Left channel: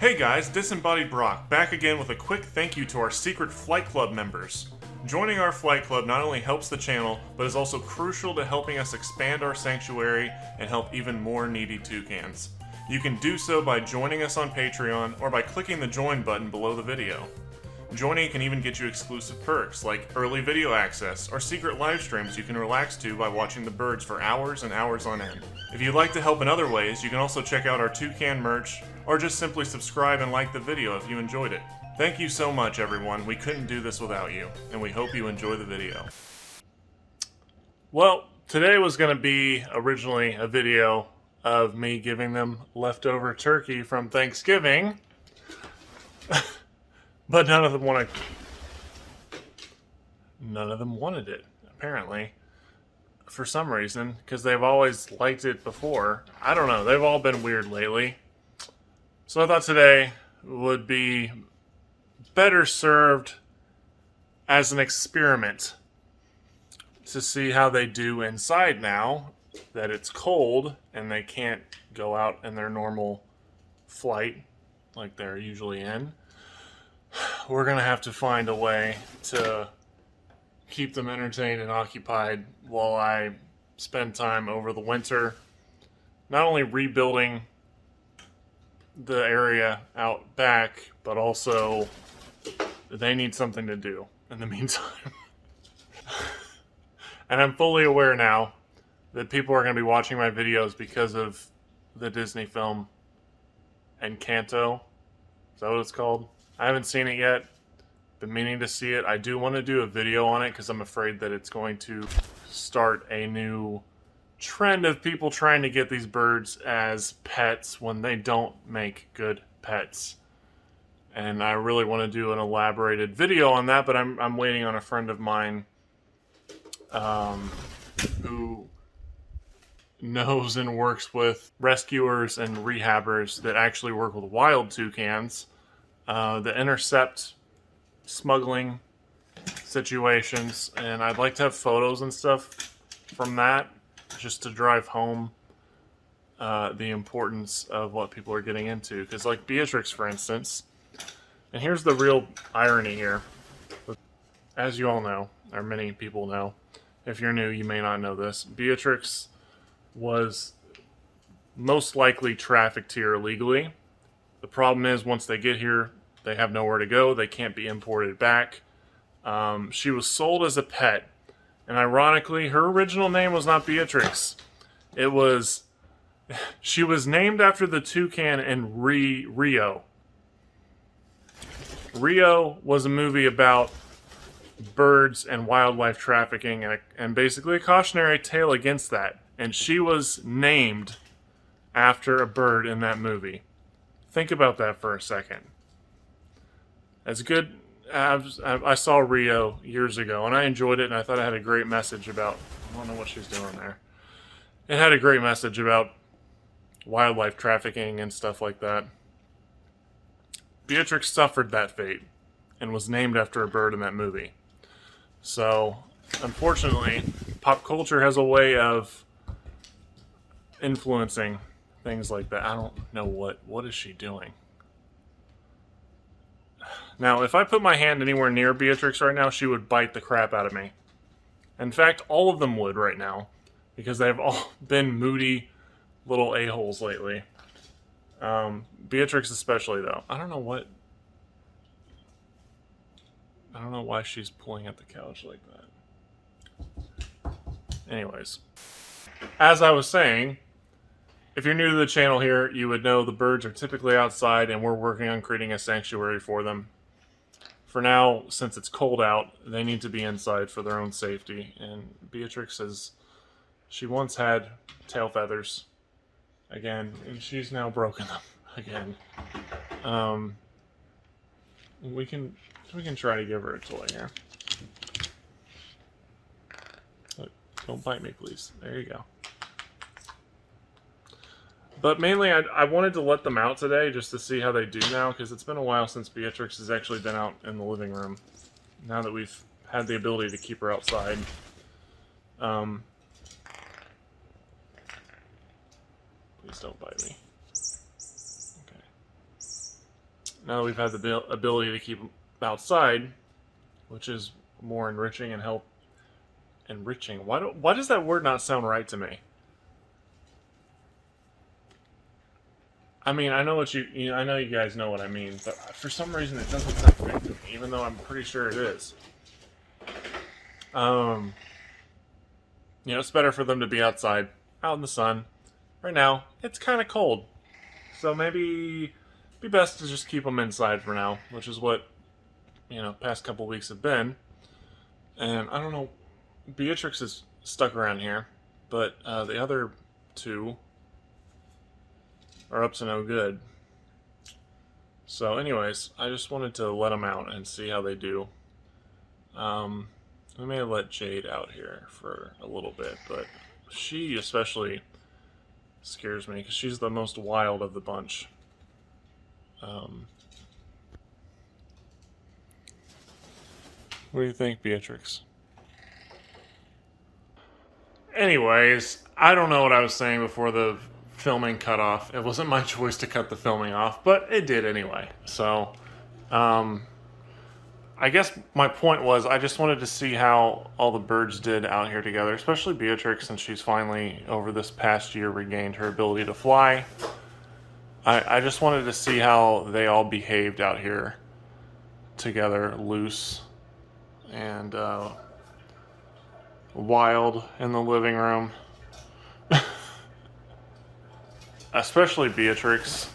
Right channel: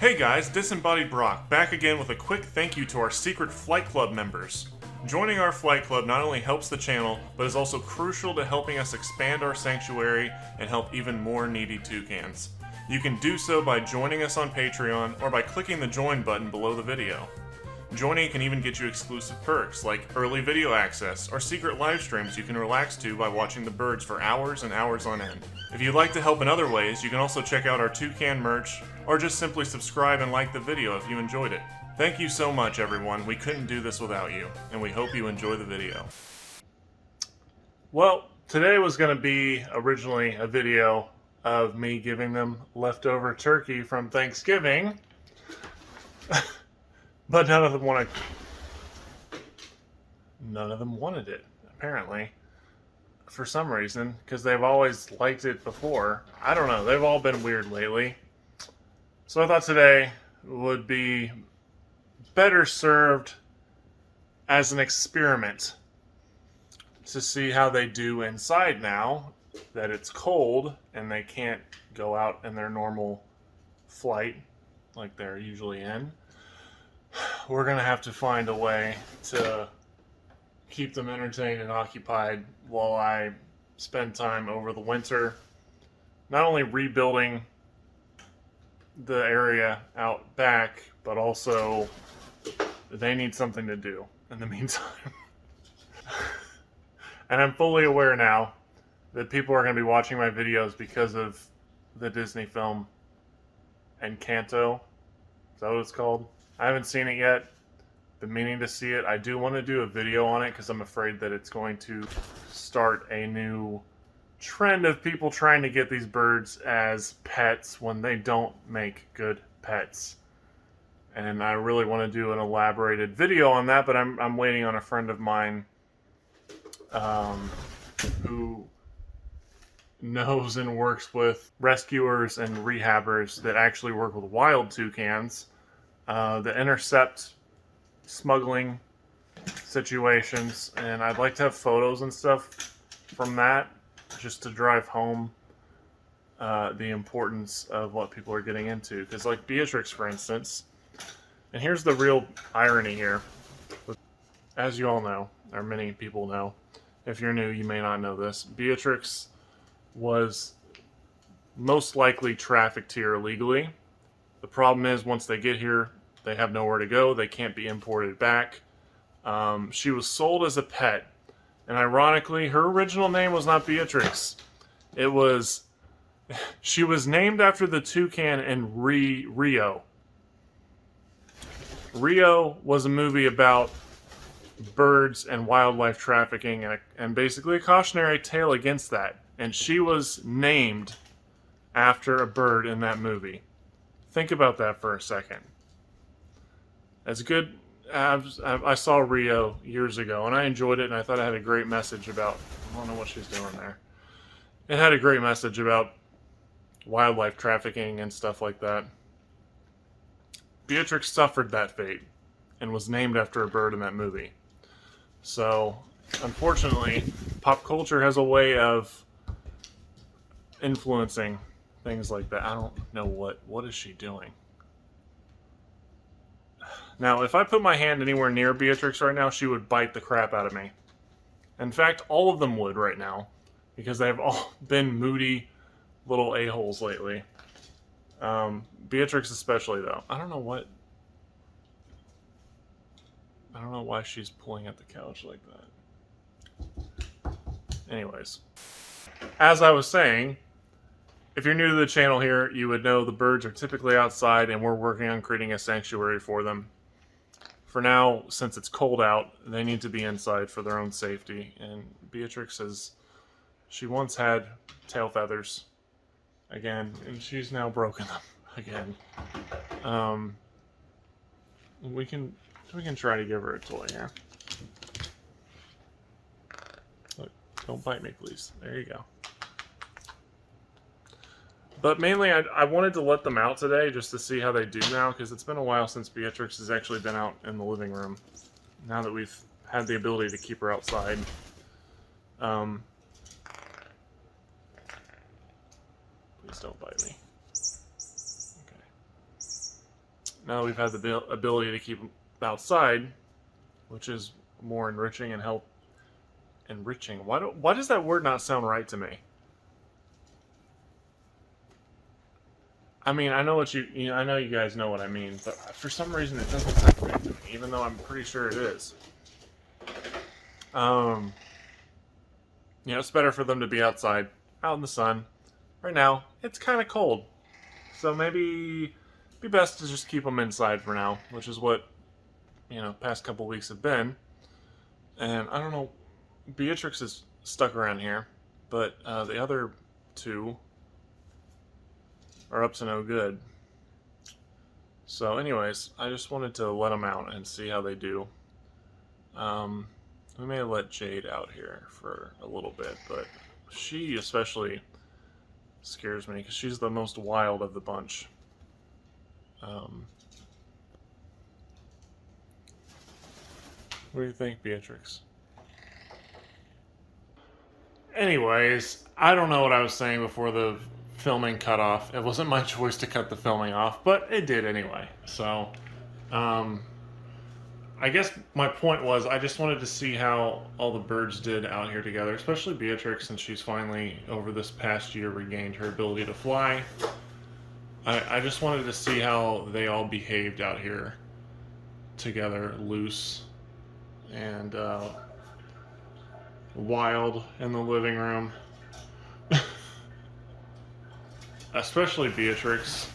Hey guys, Disembodied Brock, back again with a quick thank you to our secret Flight Club members. Joining our Flight Club not only helps the channel, but is also crucial to helping us expand our sanctuary and help even more needy toucans. You can do so by joining us on Patreon or by clicking the join button below the video. Joining can even get you exclusive perks like early video access or secret live streams you can relax to by watching the birds for hours and hours on end. If you'd like to help in other ways, you can also check out our toucan merch or just simply subscribe and like the video if you enjoyed it. Thank you so much, everyone. We couldn't do this without you, and we hope you enjoy the video. Well, today was going to be originally a video of me giving them leftover turkey from Thanksgiving. But none of them wanted it, apparently, for some reason, because they've always liked it before. I don't know, they've all been weird lately. So I thought today would be better served as an experiment to see how they do inside now that it's cold and they can't go out in their normal flight like they're usually in. We're going to have to find a way to keep them entertained and occupied while I spend time over the winter, not only rebuilding the area out back, but also they need something to do in the meantime. And I'm fully aware now that people are going to be watching my videos because of the Disney film Encanto. Is that what it's called? I haven't seen it yet. Been meaning to see it. I do want to do a video on it because I'm afraid that it's going to start a new trend of people trying to get these birds as pets when they don't make good pets. And I really want to do an elaborated video on that, but I'm waiting on a friend of mine who knows and works with rescuers and rehabbers that actually work with wild toucans that intercept smuggling situations, and I'd like to have photos and stuff from that just to drive home the importance of what people are getting into. Because like Beatrix, for instance, and here's the real irony here. As you all know, or many people know, if you're new you may not know this, Beatrix was most likely trafficked here illegally. The problem is once they get here, they have nowhere to go. They can't be imported back. She was sold as a pet. And ironically, her original name was not Beatrix. She was named after the toucan in Rio. Rio was a movie about birds and wildlife trafficking and basically a cautionary tale against that. And she was named after a bird in that movie. Think about that for a second. As good, I saw Rio years ago, and I enjoyed it, and I thought it had a great message about, I don't know what she's doing there. It had a great message about wildlife trafficking and stuff like that. Beatrix suffered that fate and was named after a bird in that movie. So, unfortunately, pop culture has a way of influencing things like that. I don't know what is she doing? Now, if I put my hand anywhere near Beatrix right now, she would bite the crap out of me. In fact, all of them would right now, because they've all been moody little a-holes lately. Beatrix especially, though. I don't know why she's pulling at the couch like that. Anyways, as I was saying, if you're new to the channel here, you would know the birds are typically outside, and we're working on creating a sanctuary for them. For now, since it's cold out, they need to be inside for their own safety. And Beatrix she once had tail feathers again, and she's now broken them again. We can try to give her a toy here. Look, don't bite me, please. There you go. But mainly, I wanted to let them out today just to see how they do now, because it's been a while since Beatrix has actually been out in the living room. Now that we've had the ability to keep her outside. Please don't bite me. Okay. now we've had the ability to keep them outside, which is more enriching and enriching. Why does that word not sound right to me? I mean, I know what I know you guys know what I mean, but for some reason it doesn't sound right to me, even though I'm pretty sure it is. It's better for them to be outside, out in the sun. Right now, it's kind of cold, so maybe be best to just keep them inside for now, which is what past couple weeks have been. And I don't know, Beatrix is stuck around here, but the other two are up to no good. So, anyways, I just wanted to let them out and see how they do. We may let Jade out here for a little bit, but she especially scares me because she's the most wild of the bunch. What do you think, Beatrix? Anyways, I don't know what I was saying before the filming cut off. It wasn't my choice to cut the filming off, but it did anyway. So, I guess my point was I just wanted to see how all the birds did out here together, especially Beatrix, since she's finally, over this past year, regained her ability to fly. I just wanted to see how they all behaved out here together, loose and wild in the living room. Especially Beatrix.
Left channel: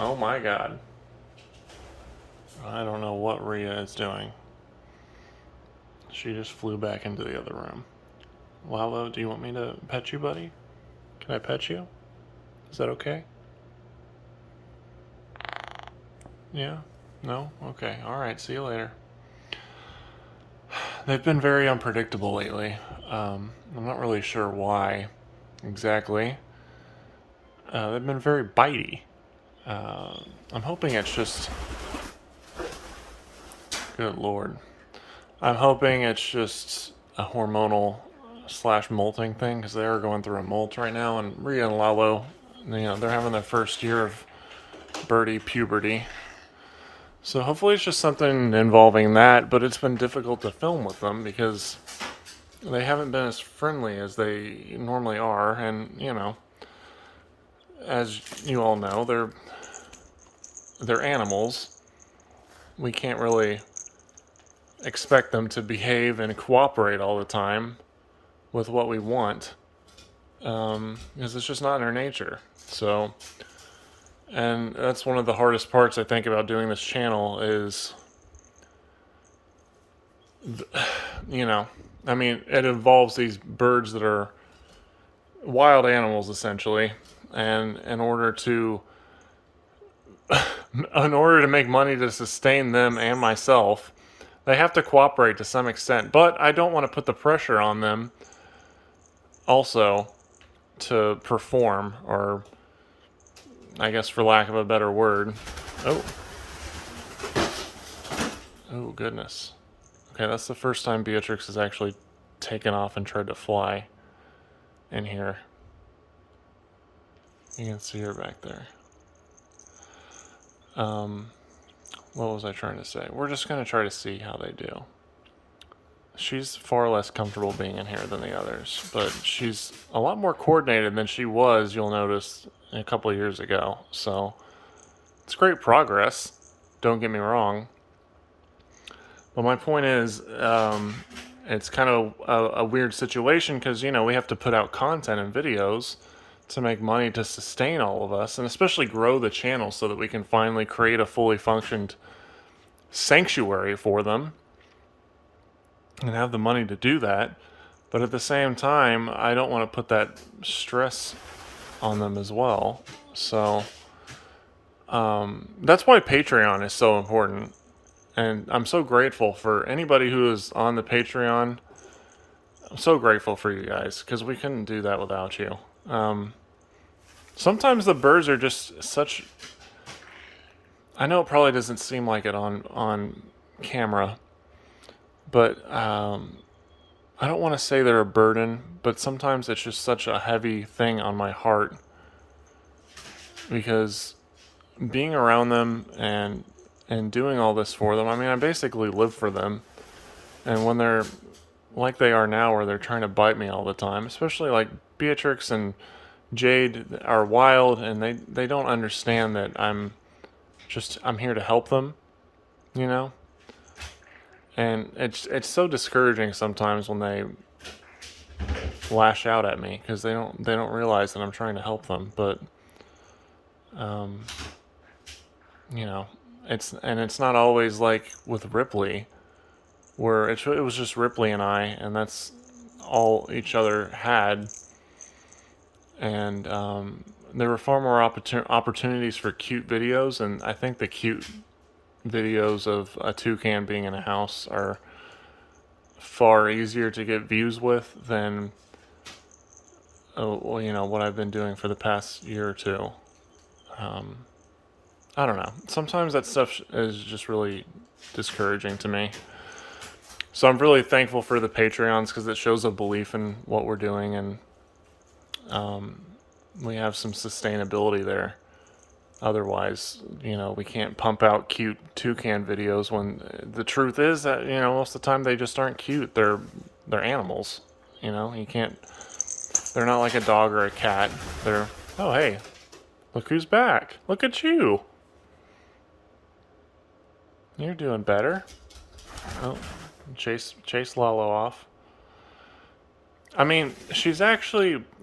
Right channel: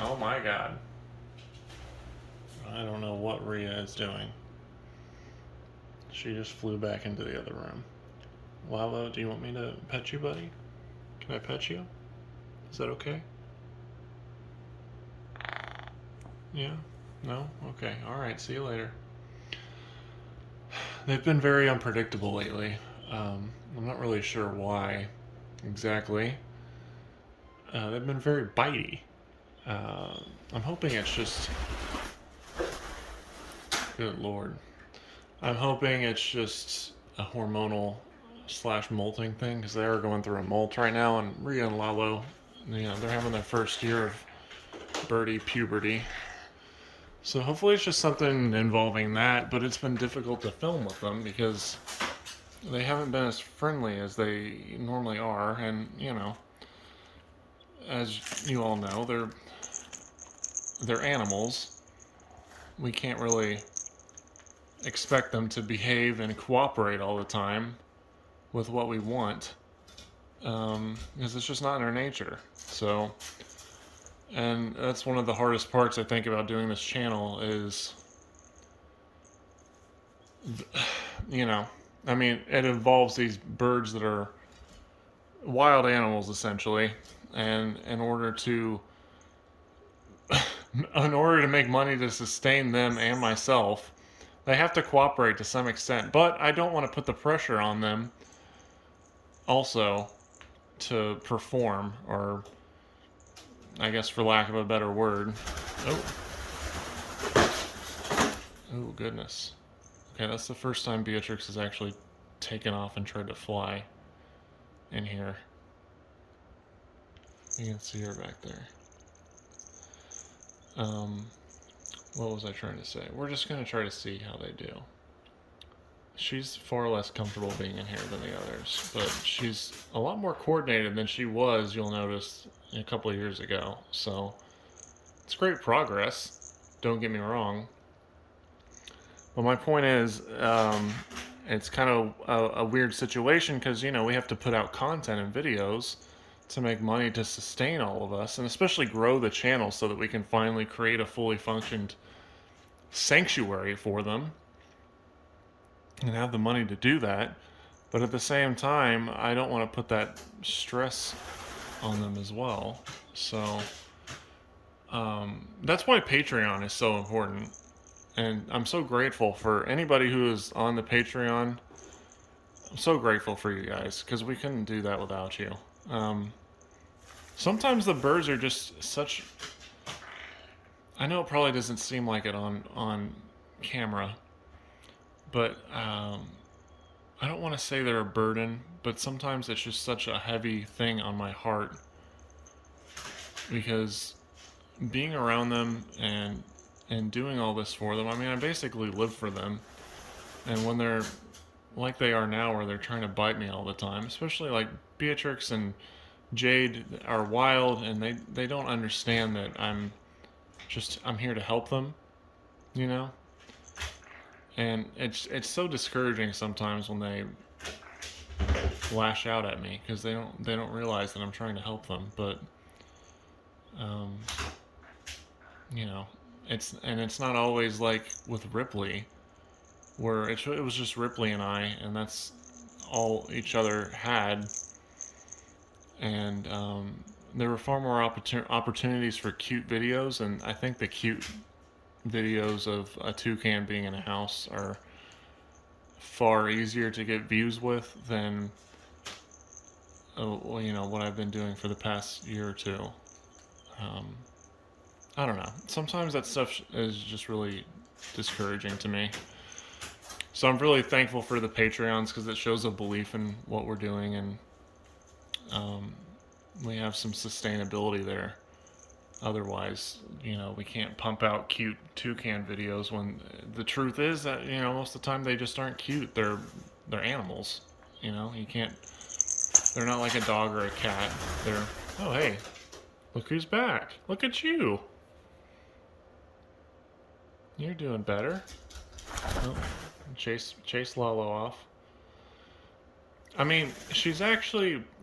Oh my god. I don't know what Rhea is doing. She just flew back into the other room. Lalo, do you want me to pet you, buddy? Can I pet you? Is that okay? Yeah? No? Okay. Alright, see you later. They've been very unpredictable lately. I'm not really sure why exactly. They've been very bitey. I'm hoping it's just... Good lord. I'm hoping it's just a hormonal / molting thing, because they are going through a molt right now, and Rhea and Lalo, they're having their first year of birdie puberty. So hopefully it's just something involving that, but it's been difficult to film with them because they haven't been as friendly as they normally are, and as you all know, they're animals. We can't really expect them to behave and cooperate all the time with what we want, because it's just not in their nature. So, and that's one of the hardest parts I think about doing this channel is, I mean, it involves these birds that are wild animals essentially, and in order to make money to sustain them and myself, they have to cooperate to some extent, but I don't want to put the pressure on them also to perform, or I guess for lack of a better word. Oh goodness. Okay, that's the first time Beatrix has actually taken off and tried to fly in here. You can see her back there. What was I trying to say? We're just going to try to see how they do. She's far less comfortable being in here than the others, but she's a lot more coordinated than she was, you'll notice, a couple of years ago. So it's great progress, don't get me wrong. But my point is, it's kind of a weird situation because, we have to put out content and videos to make money to sustain all of us, and especially grow the channel so that we can finally create a fully functioned sanctuary for them and have the money to do that. But at the same time, I don't want to put that stress on them as well. So that's why Patreon is so important. And I'm so grateful for anybody who is on the Patreon. I'm so grateful for you guys, because we couldn't do that without you. Sometimes the birds are just such... I know it probably doesn't seem like it on camera, but I don't want to say they're a burden, but sometimes it's just such a heavy thing on my heart, because being around them and doing all this for them, I mean, I basically live for them. And when they're like they are now, where they're trying to bite me all the time, especially like Beatrix and Jade are wild, and they don't understand that I'm here to help them, you know. And it's so discouraging sometimes when they lash out at me because they don't realize that I'm trying to help them. But um, you know, it's not always like with Ripley, where it was just Ripley and I, and that's all each other had. And there were far more opportunities for cute videos, and I think the cute videos of a toucan being in a house are far easier to get views with than what I've been doing for the past year or two. Um, I don't know. Sometimes that stuff is just really discouraging to me. So I'm really thankful for the Patreons because it shows a belief in what we're doing, and we have some sustainability there. Otherwise, we can't pump out cute toucan videos when the truth is that, most of the time they just aren't cute. They're animals. You can't, they're not like a dog or a cat. They're, oh, hey, look who's back. Look at you. You're doing better. Oh, chase Lalo off. I mean,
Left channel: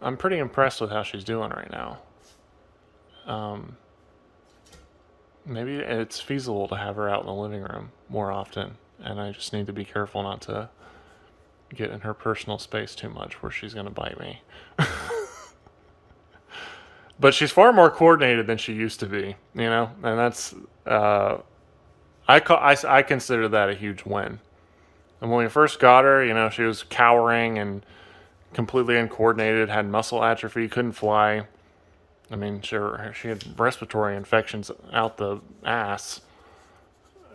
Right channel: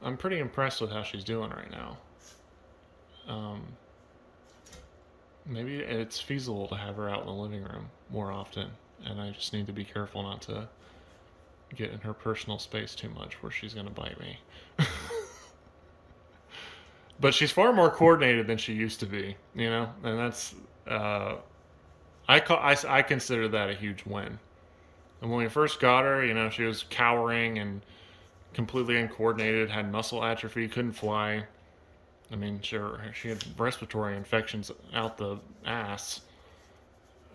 I'm pretty impressed with how she's doing right now. Maybe it's feasible to have her out in the living room more often, and I just need to be careful not to get in her personal space too much where she's going to bite me. But she's far more coordinated than she used to be, and that's I consider that a huge win. And when we first got her, she was cowering and completely uncoordinated, had muscle atrophy, couldn't fly. I mean, she had respiratory infections out the ass.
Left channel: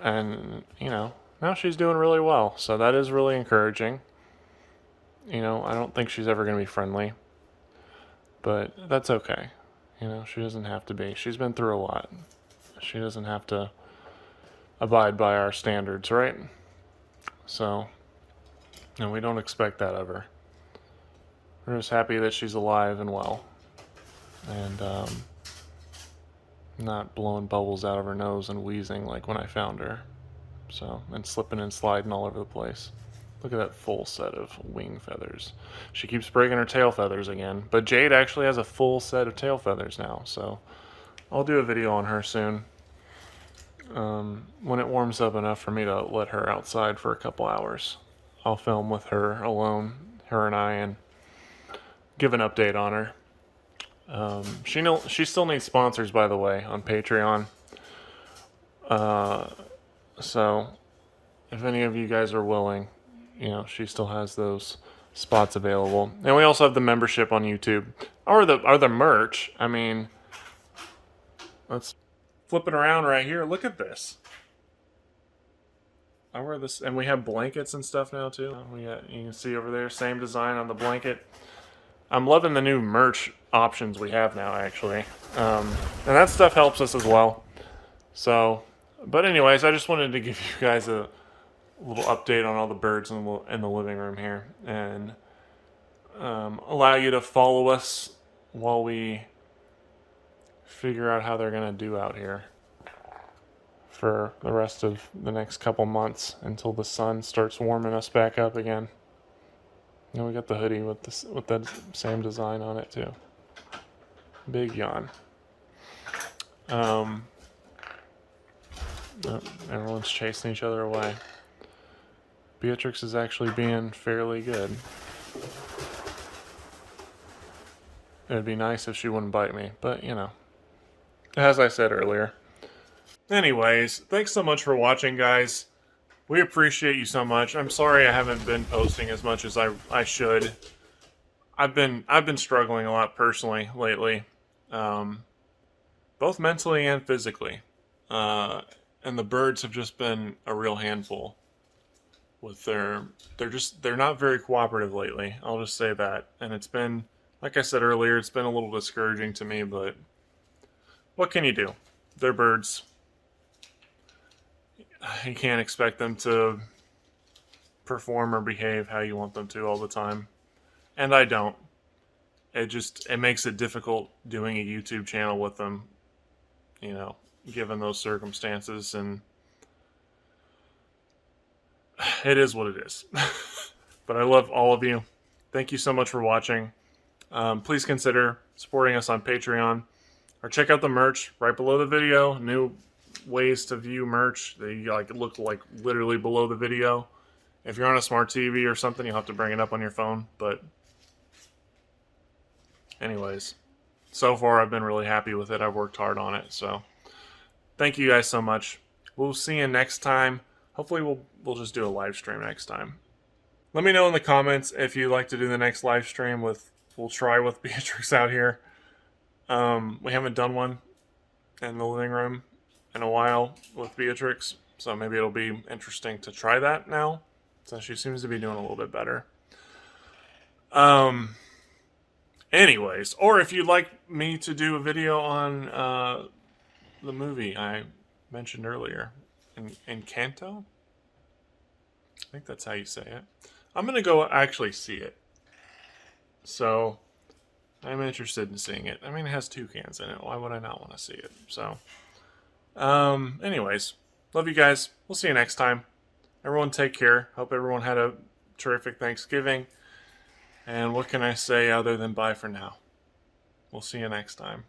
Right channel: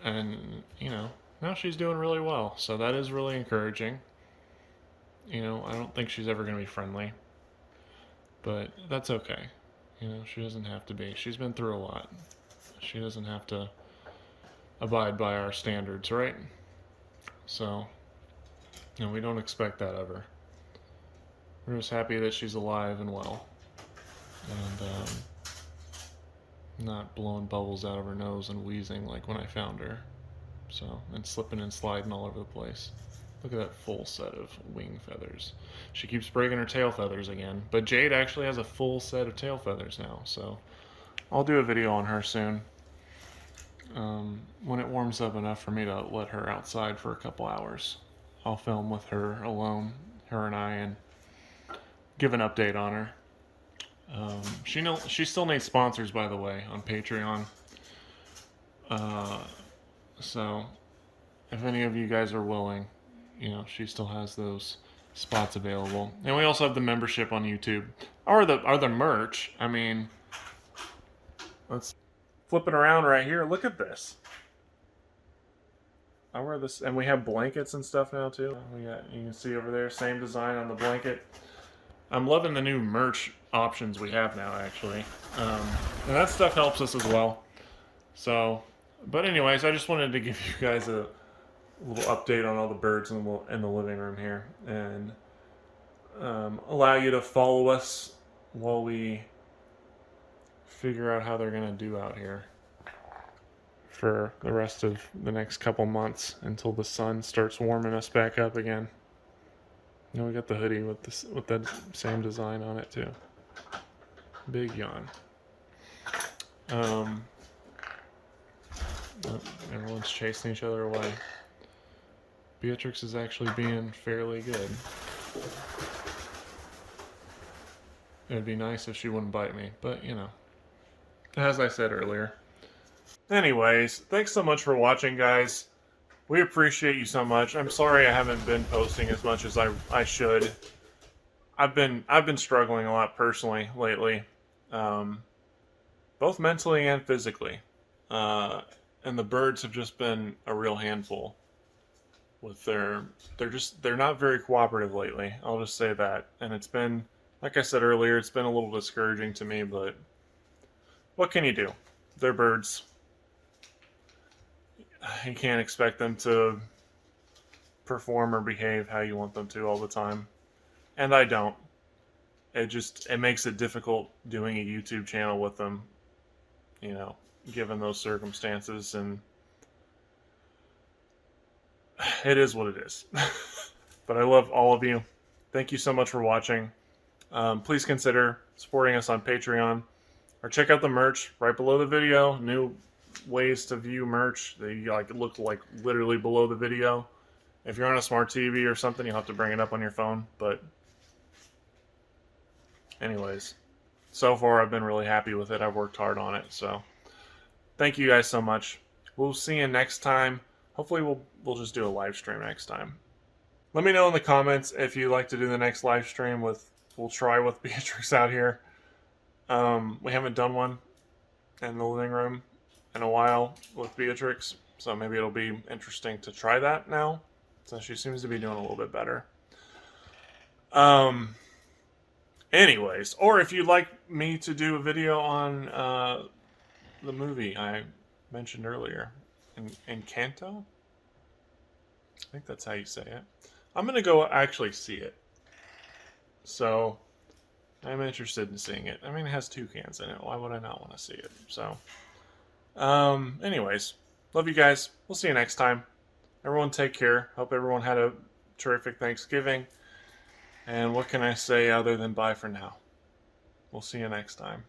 And, now she's doing really well. So that is really encouraging. I don't think she's ever going to be friendly. But that's okay. She doesn't have to be. She's been through a lot. She doesn't have to abide by our standards, right? So, and we don't expect that of her. We're just happy that she's alive and well. And not blowing bubbles out of her nose and wheezing like when I found her. So, and slipping and sliding all over the place. Look at that full set of wing feathers. She keeps breaking her tail feathers again. But Jade actually has a full set of tail feathers now. So, I'll do a video on her soon. When it warms up enough for me to let her outside for a couple hours. I'll film with her alone, her and I, and give an update on her. She still needs sponsors, by the way, on Patreon. So if any of you guys are willing, she still has those spots available. And we also have the membership on YouTube, or the merch. I mean, let's flip it around right here. Look at this. I wear this, and we have blankets and stuff now too. You can see over there, same design on the blanket. I'm loving the new merch options we have now, actually. And that stuff helps us as well. So, but anyways, I just wanted to give you guys a little update on all the birds in the living room here. And allow you to follow us while we figure out how they're going to do out here for the rest of the next couple months until the sun starts warming us back up again. And we got the hoodie with that same design on it too. Big yawn. Oh, everyone's chasing each other away. Beatrix is actually being fairly good. It would be nice if she wouldn't bite me, but as I said earlier. Anyways, thanks so much for watching, guys. We appreciate you so much. I'm sorry I haven't been posting as much as I should. I've been struggling a lot personally lately, both mentally and physically. And the birds have just been a real handful. They're not very cooperative lately. I'll just say that. And it's been, like I said earlier, it's been a little discouraging to me, but what can you do? They're birds. You can't expect them to perform or behave how you want them to all the time. And I don't. It makes it difficult doing a YouTube channel with them, you know, given those circumstances, and it is what it is. But I love all of you. Thank you so much for watching. Please consider supporting us on Patreon, or check out the merch right below the video. New ways to view merch. They look like literally below the video. If you're on a smart TV or something, you'll have to bring it up on your phone. But anyways, so far I've been really happy with it. I've worked hard on it. So thank you guys so much. We'll see you next time. Hopefully we'll just do a live stream next time. Let me know in the comments if you'd like to do the next live stream we'll try with Beatrix out here. We haven't done one in the living room in a while with Beatrix, so maybe it'll be interesting to try that now, since she seems to be doing a little bit better. Anyways, or if you'd like me to do a video on the movie I mentioned earlier, Encanto? I think that's how you say it. I'm going to go actually see it. So, I'm interested in seeing it. I mean, it has toucans in it. Why would I not want to see it? So, anyways, love you guys. We'll see you next time. Everyone take care. Hope everyone had a terrific Thanksgiving. And what can I say other than bye for now? We'll see you next time.